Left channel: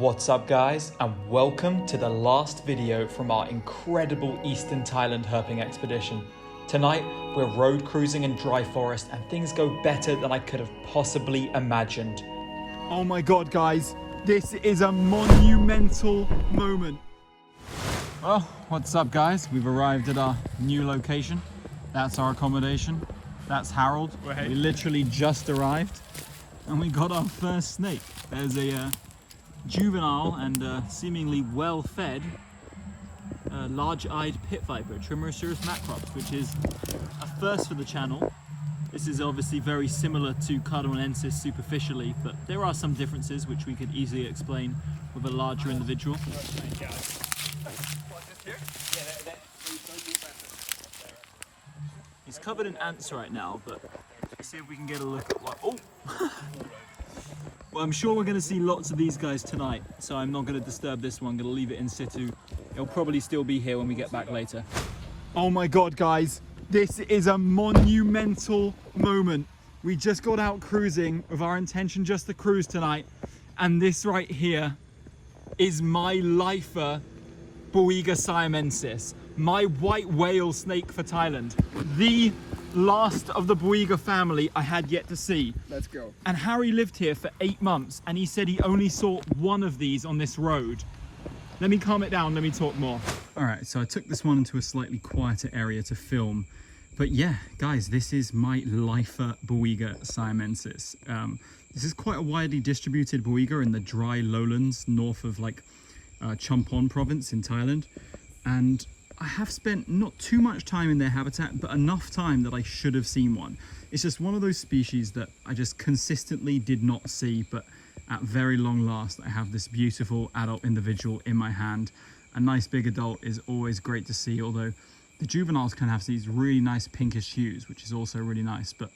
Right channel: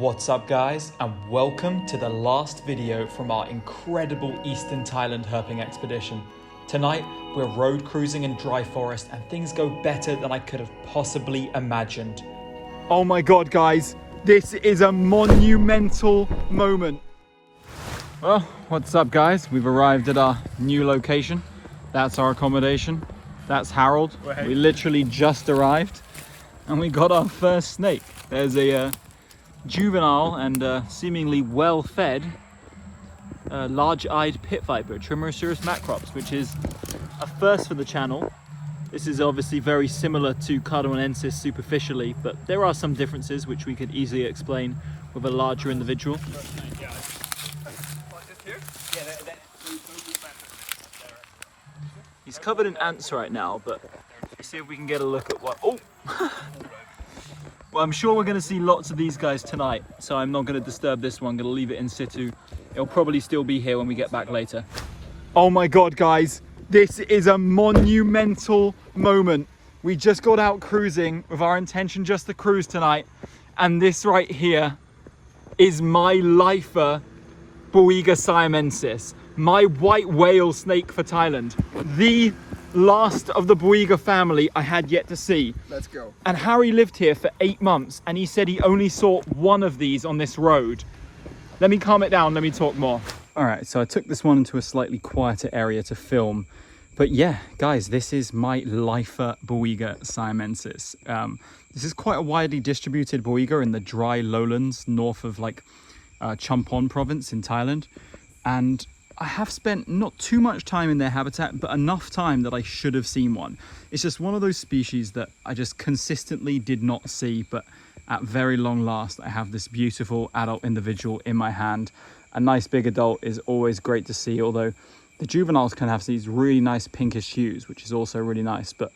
What's up guys, and welcome to the last video from our incredible Eastern Thailand herping expedition. Tonight we're road cruising in dry forest and things go better than I could have possibly imagined. Oh my god guys, this is a monumental moment. Well, what's up guys? We've arrived at our new location. That's our accommodation. That's Harold. We literally just arrived and we got our first snake. There's a juvenile and seemingly well-fed large-eyed pit viper, Trimeresurus macrops, which is a first for the channel. This is obviously very similar to Cardinensis superficially, but there are some differences which we could easily explain with a larger individual. He's covered in ants right now, but let's see if we can get a look at what... Oh! Well, I'm sure we're going to see lots of these guys tonight, so I'm not going to disturb this one. I'm going to leave it in situ. It'll probably still be here when we get back later. Oh my god, guys. This is a monumental moment. We just got out cruising with our intention just to cruise tonight, and this right here is my lifer Boy Gun Multimaculata, my white whale snake for Thailand. The last of the Boy Gun family I had yet to see. Let's go. And Harry lived here for 8 months and he said he only saw one of these on this road. Let me calm it down, let me talk more. All right, so I took this one into a slightly quieter area to film. But yeah, guys, this is my lifer Boy Gun Multimaculata. This is quite a widely distributed Boy Gun in the dry lowlands north of like Champon province in Thailand. And I have spent not too much time in their habitat, but enough time that I should have seen one. It's just one of those species that I just consistently did not see, but at very long last, I have this beautiful adult individual in my hand. A nice big adult is always great to see, although the juveniles can have these really nice pinkish hues, which is also really nice. But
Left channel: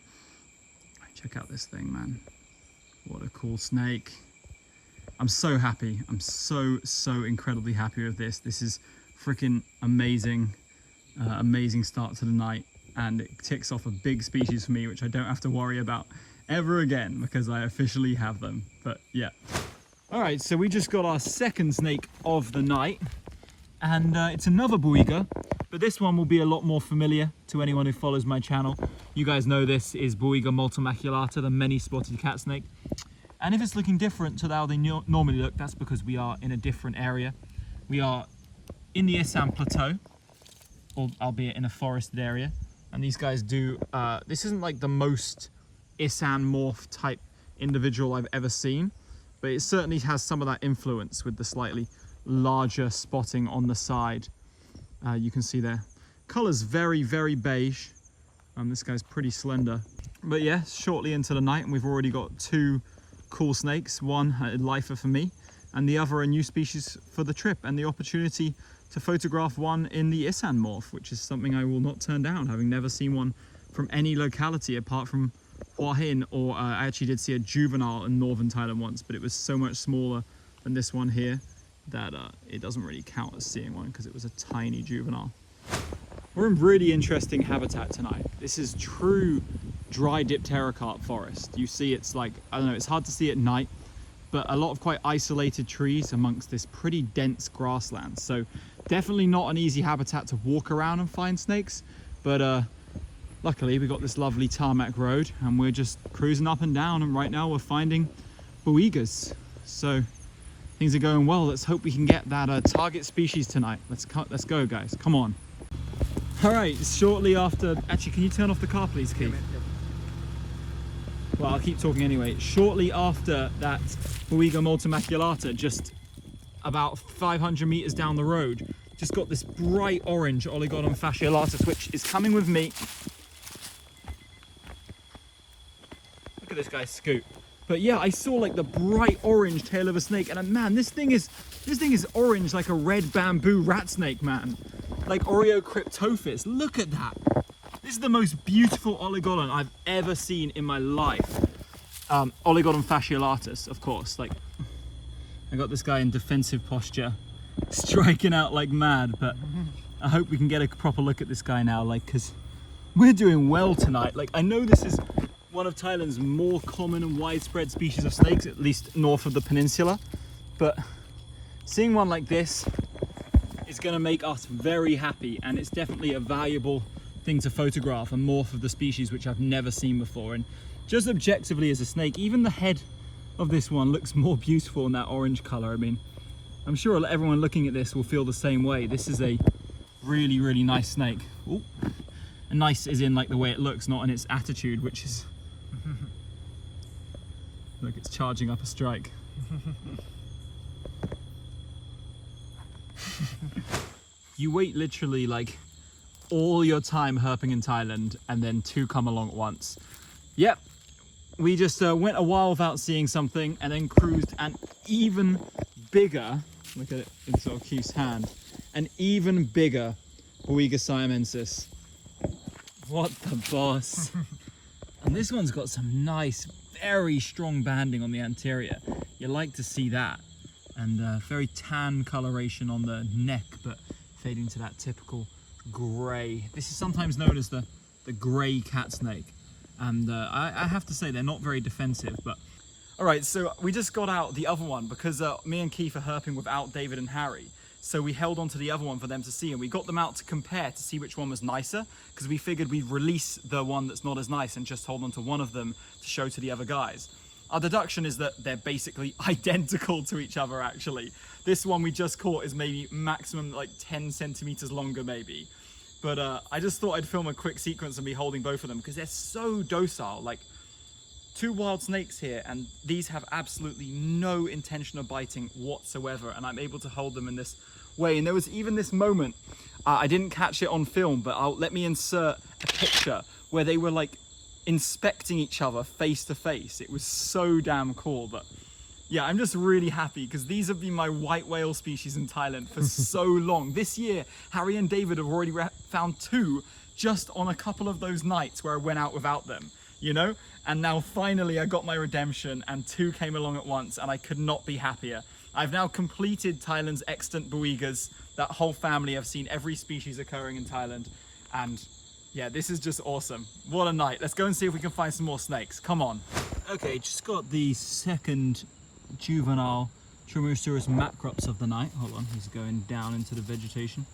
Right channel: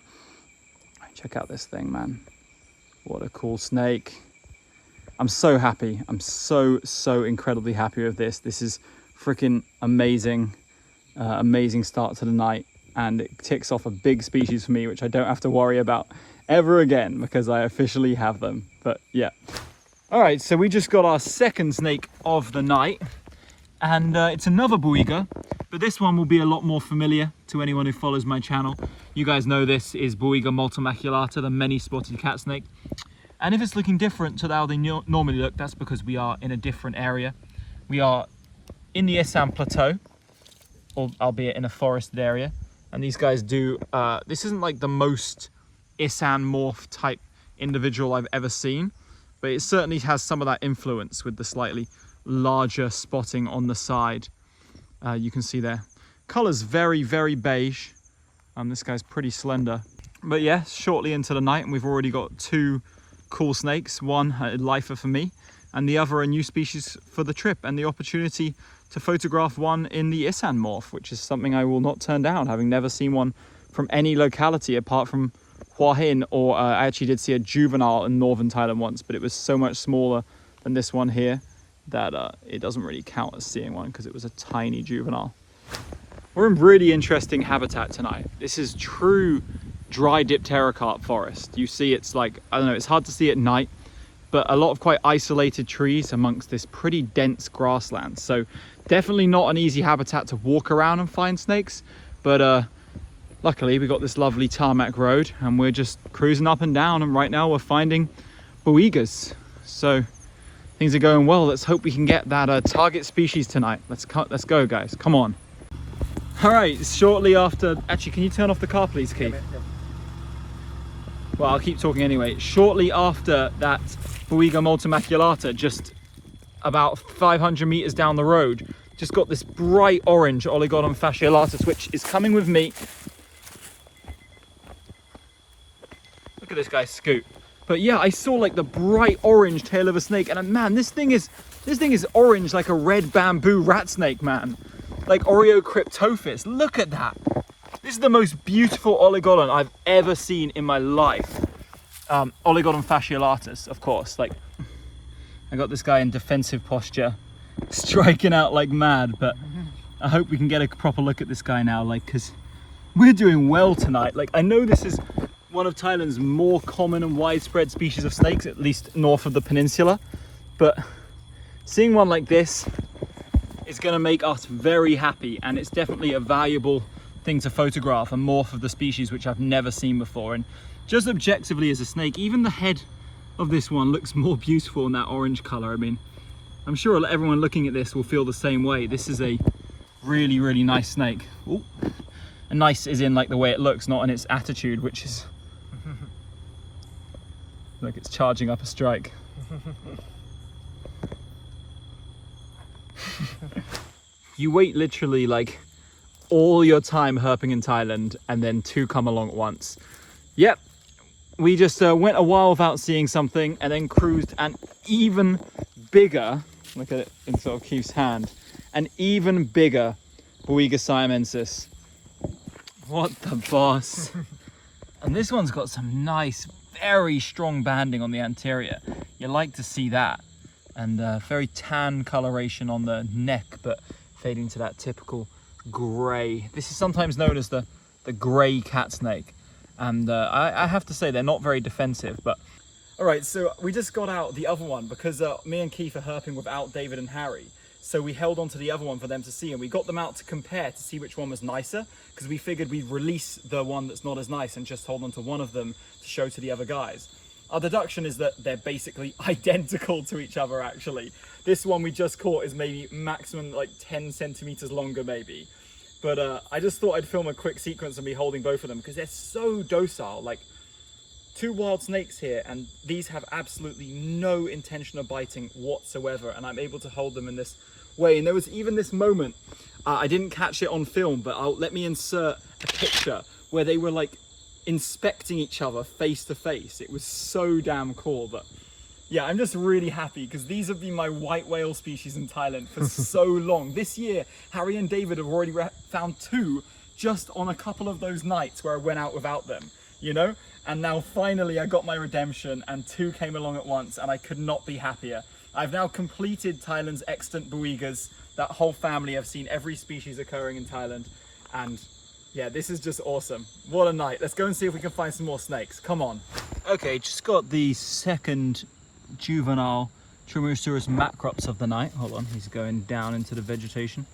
check out this thing, man. What a cool snake. I'm so happy. I'm so incredibly happy with this. This is freaking amazing, amazing start to the night, and it ticks off a big species for me, which I don't have to worry about ever again because I officially have them. But yeah. All right, so we just got our second snake of the night, and it's another Boy Gun, but this one will be a lot more familiar to anyone who follows my channel. You guys know this is Boy Gun Multimaculata, the many-spotted cat snake. And if it's looking different to how they normally look, that's because we are in a different area. We are in the Isan Plateau, albeit in a forested area. And these guys do, this isn't like the most Isan morph type individual I've ever seen, but it certainly has some of that influence with the slightly larger spotting on the side. You can see there. Color's very beige. This guy's pretty slender. But yeah, shortly into the night, and we've already got 2 cool snakes. One a lifer for me, and the other a new species for the trip, and the opportunity to photograph one in the Isan morph, which is something I will not turn down, having never seen one from any locality apart from Hua Hin, or I actually did see a juvenile in northern Thailand once, but it was so much smaller than this one here that it doesn't really count as seeing one because it was a tiny juvenile. We're in really interesting habitat tonight. This is true dry dipterocarp forest. You see, it's like, I don't know, it's hard to see at night, but a lot of quite isolated trees amongst this pretty dense grassland. So definitely not an easy habitat to walk around and find snakes, but luckily we got this lovely tarmac road and we're just cruising up and down, and right now we're finding Boy Guns. So things are going well. Let's hope we can get that target species tonight. Let's go guys, come on. All right, shortly after, actually can you turn off the car please, Keith? Yeah. Well, I'll keep talking anyway. Shortly after that Boy Gun Multimaculata, just about 500 meters down the road, just got this bright orange Oligodon fasciolatus, which is coming with me. Look at this guy scoot. But yeah, I saw like the bright orange tail of a snake, and man, this thing is orange like a red bamboo rat snake, man. Like Oreocryptophis. Look at that. This is the most beautiful Oligodon I've ever seen in my life. Oligodon fasciolatus, of course. Like, I got this guy in defensive posture, striking out like mad, but I hope we can get a proper look at this guy now, like, because we're doing well tonight. Like, I know this is one of Thailand's more common and widespread species of snakes, at least north of the peninsula. but seeing one like this is going to make us very happy, and it's definitely a valuable thing to photograph, a morph of the species which I've never seen before. And just objectively as a snake, even the head of this one looks more beautiful in that orange color. I mean, I'm sure everyone looking at this will feel the same way. This is a really, really nice snake. Ooh. And nice is in like the way it looks, not in its attitude, which is look, it's charging up a strike. You wait literally like all your time herping in Thailand and then two come along at once. Yep, we just went a while without seeing something and then cruised an even bigger, look at it in sort of Keith's hand, an even bigger Boiga siamensis. What the boss. And this one's got some nice, very strong banding on the anterior. You like to see that. And very tan coloration on the neck, but fading to that typical grey. This is sometimes known as the grey cat snake. And I have to say they're not very defensive, but... All right, so we just got out the other one because me and Keith are herping without David and Harry. So we held on to the other one for them to see, and we got them out to compare to see which one was nicer, because we figured we'd release the one that's not as nice and just hold on to one of them to show to the other guys. Our deduction is that they're basically identical to each other, actually. This one we just caught is maybe maximum like 10 centimeters longer, maybe. But I just thought I'd film a quick sequence of me holding both of them because they're so docile. Like, two wild snakes here, and these have absolutely no intention of biting whatsoever, and I'm able to hold them in this way. And there was even this moment, I didn't catch it on film, but let me insert a picture where they were like inspecting each other face to face. It was so damn cool. But yeah, I'm just really happy because these have been my white whale species in Thailand for so long. This year, Harry and David have already found two just on a couple of those nights where I went out without them, you know? And now finally I got my redemption and two came along at once, and I could not be happier. I've now completed Thailand's extant Boigas. That whole family, I've seen every species occurring in Thailand, and yeah, this is just awesome. What a night. Let's go and see if we can find some more snakes. Come on. Okay, just got the second juvenile Trimeresurus macrops of the night. Hold on, he's going down into the vegetation.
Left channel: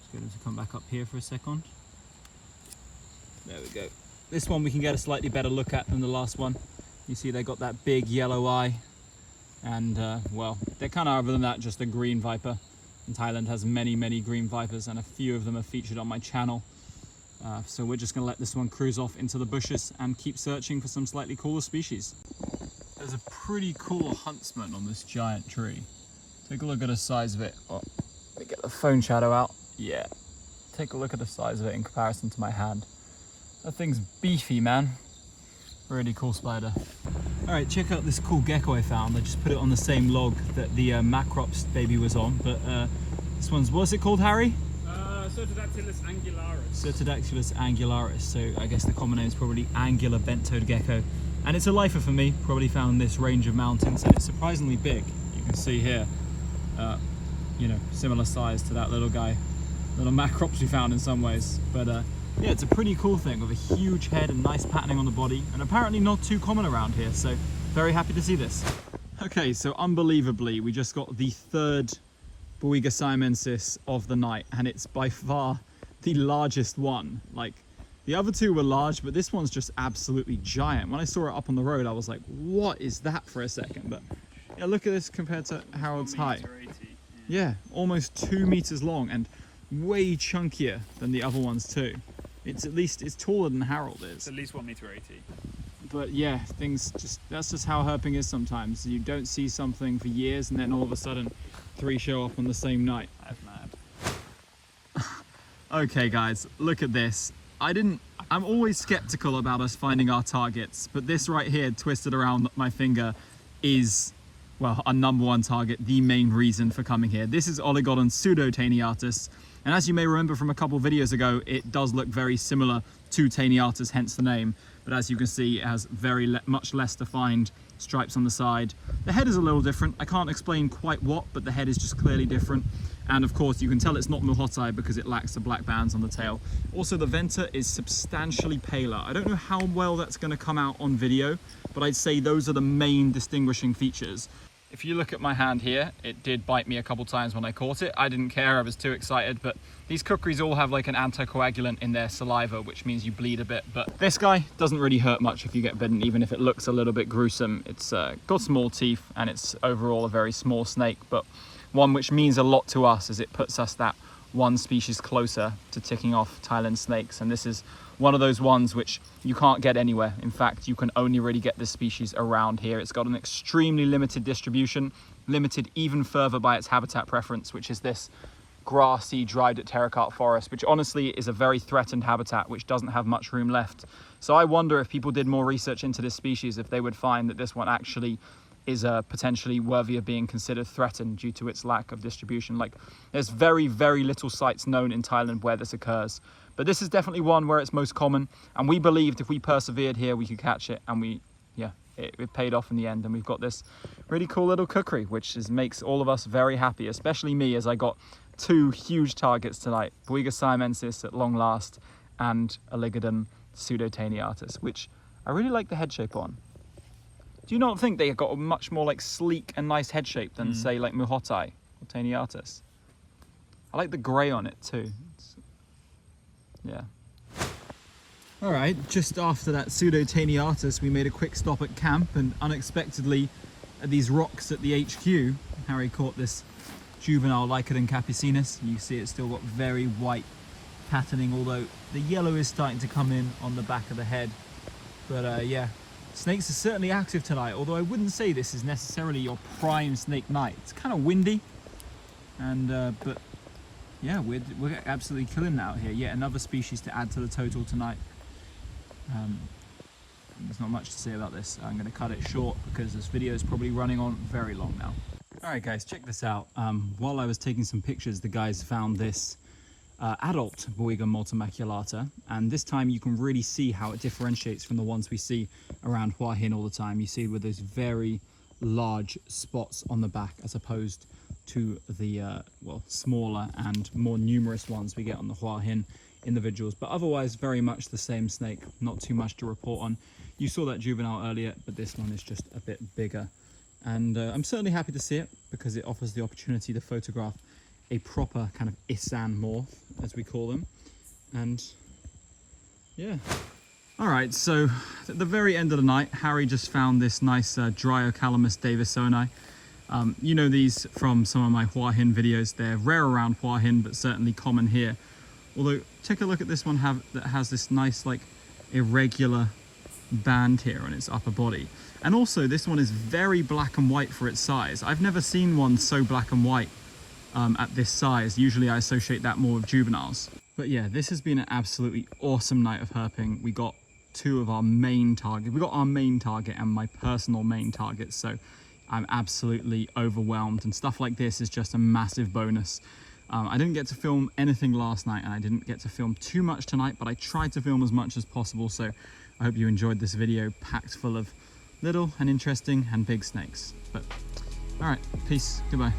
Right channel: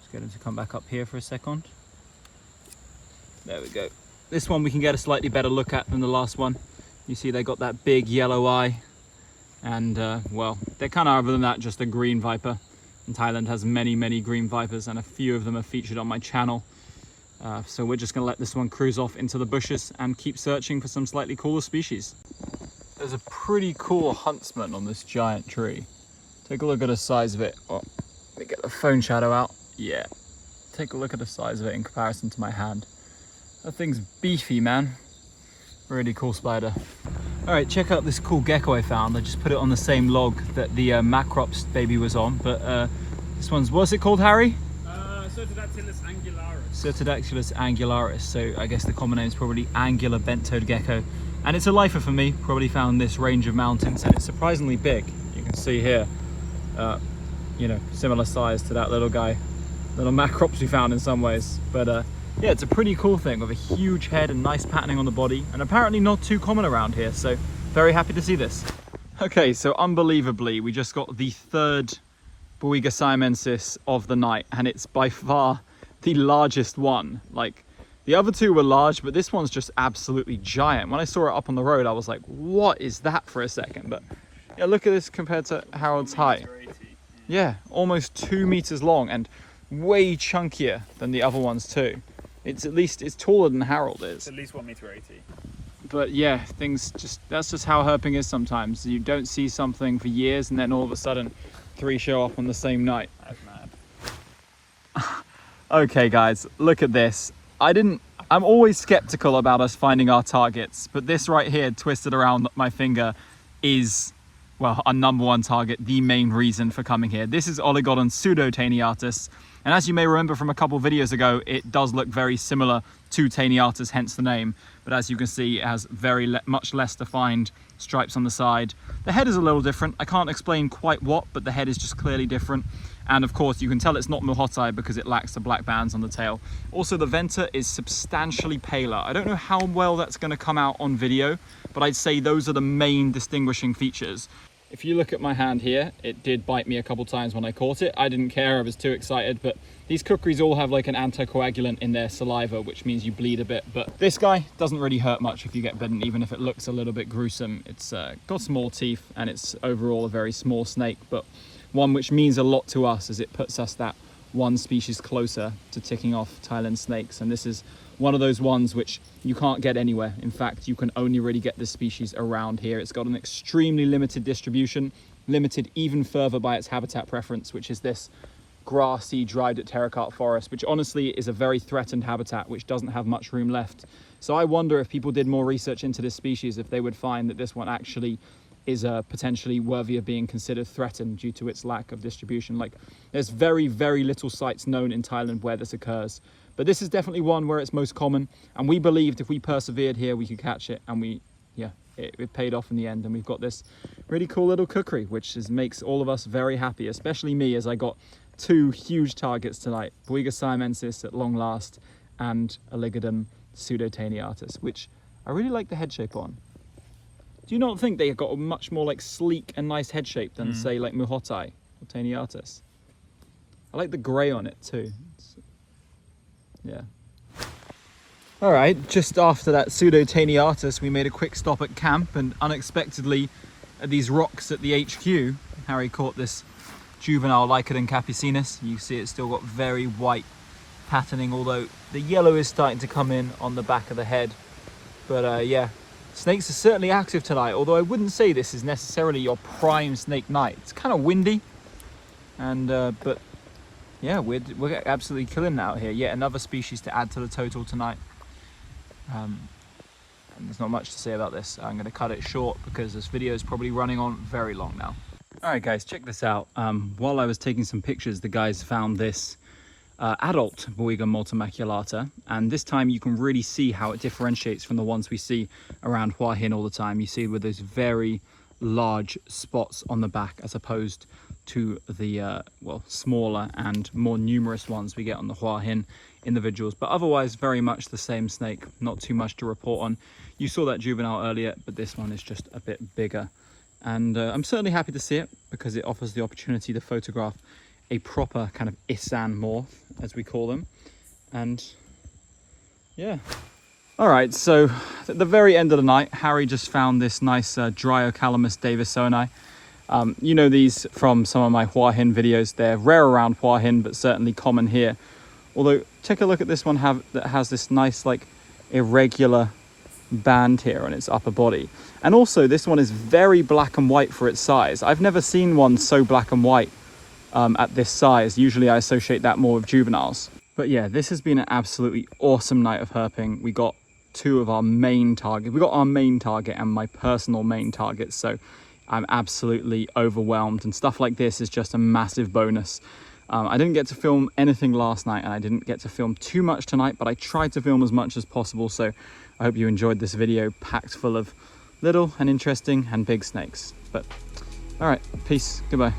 Let's get him to come back up here for a second. There we go. This one we can get a slightly better look at than the last one. You see they got that big yellow eye, and well, they're kind of, other than that, just a green viper. And Thailand has many, many green vipers, and a few of them are featured on my channel. So we're just going to let this one cruise off into the bushes and keep searching for some slightly cooler species. There's a pretty cool Huntsman on this giant tree. Take a look at the size of it. Oh, let me get the phone shadow out. Yeah, take a look at the size of it in comparison to my hand. That thing's beefy, man. Really cool spider. All right, check out this cool gecko I found. I just put it on the same log that the macrops baby was on, but this one's, what's it called, Harry? Certodactylus angularis. Certodactylus angularis. So I guess the common name is probably angular bent-toed gecko. And it's a lifer for me, probably found this range of mountains, and it's surprisingly big. You can see here, you know, similar size to that little guy, little macrops we found in some ways. But yeah, it's a pretty cool thing with a huge head and nice patterning on the body, and apparently not too common around here, so very happy to see this. Okay, so unbelievably, we just got the third Boiga siamensis of the night, and it's by far the largest one. Like, the other two were large, but this one's just absolutely giant. When I saw it up on the road, I was like, what is that, for a second? But yeah, look at this compared to Harold's height. Yeah, almost 2 meters long and way chunkier than the other ones too. It's taller than Harold is. It's at least 1.80 meters. But yeah, that's just how herping is sometimes. You don't see something for years, and then all of a sudden, three show up on the same night. That's mad. Okay guys, look at this. I'm always skeptical about us finding our targets, but this right here, twisted around my finger, is, well, our #1 target, the main reason for coming here. This is Oligodon pseudo-taeniatus, and as you may remember from a couple videos ago, it does look very similar to taeniatus, hence the name. But as you can see, it has much less defined stripes on the side. The head is a little different. I can't explain quite what, but the head is just clearly different. And of course, you can tell it's not Muhotai because it lacks the black bands on the tail. Also, the venter is substantially paler. I don't know how well that's going to come out on video, but I'd say those are the main distinguishing features. if you look at my hand here, it did bite me a couple times when I caught it. I didn't care, I was too excited, but these kukris all have like an anticoagulant in their saliva, which means you bleed a bit. But this guy doesn't really hurt much if you get bitten, even if it looks a little bit gruesome. It's got small teeth and it's overall a very small snake, but one which means a lot to us as it puts us that one species closer to ticking off Thailand snakes. And this is one of those ones which you can't get anywhere. In fact, you can only really get this species around here. It's got an extremely limited distribution, limited even further by its habitat preference, which is this grassy, dried at terracotta forest, which honestly is a very threatened habitat, which doesn't have much room left. So I wonder if people did more research into this species, if they would find that this one actually is potentially worthy of being considered threatened due to its lack of distribution. Like, there's very, very little sites known in Thailand where this occurs. But this is definitely one where it's most common, and we believed if we persevered here, we could catch it, and it paid off in the end. And we've got this really cool little kukri, which makes all of us very happy, especially me, as I got two huge targets tonight: Boy Gun Multimaculata at long last, and Oligodon pseudotaeniatus, which I really like the head shape on. Do you not think they got a much more like sleek and nice head shape than say like Muhotai or Taeniatus? I like the grey on it too. Yeah. All right, just after that pseudotaeniatus, we made a quick stop at camp, and unexpectedly at these rocks at the HQ, Harry caught this juvenile Lycodon capucinus. You see it's still got very white patterning, although the yellow is starting to come in on the back of the head. But yeah, snakes are certainly active tonight, although I wouldn't say this is necessarily your prime snake night. It's kind of windy, and but yeah, we're absolutely killing it out here. Yet another species to add to the total tonight. And there's not much to say about this. I'm going to cut it short because this video is probably running on very long now. All right, guys, check this out. While I was taking some pictures, the guys found this adult Boy Gun Multimaculata, and this time you can really see how it differentiates from the ones we see around Hua Hin all the time. You see with those very large spots on the back, as opposed to the well, smaller and more numerous ones we get on the Hua Hin individuals. But otherwise very much the same snake, not too much to report on. You saw that juvenile earlier, but this one is just a bit bigger, and I'm certainly happy to see it because it offers the opportunity to photograph a proper kind of Isan morph, as we call them. And yeah. All right, so at the very end of the night, Harry just found this nice Dryocalamus davisoni. You know these from some of my Hua Hin videos. They're rare around Hua Hin, but certainly common here. Although, take a look at this one that has this nice, like, irregular band here on its upper body. And also, this one is very black and white for its size. I've never seen one so black and white at this size. Usually I associate that more with juveniles. But yeah, this has been an absolutely awesome night of herping. We got two of our main targets. We got our main target and my personal main target, so I'm absolutely overwhelmed, and stuff like this is just a massive bonus. I didn't get to film anything last night, and I didn't get to film too much tonight, but I tried to film as much as possible, so I hope you enjoyed this video packed full of little and interesting and big snakes. But all right, peace, goodbye.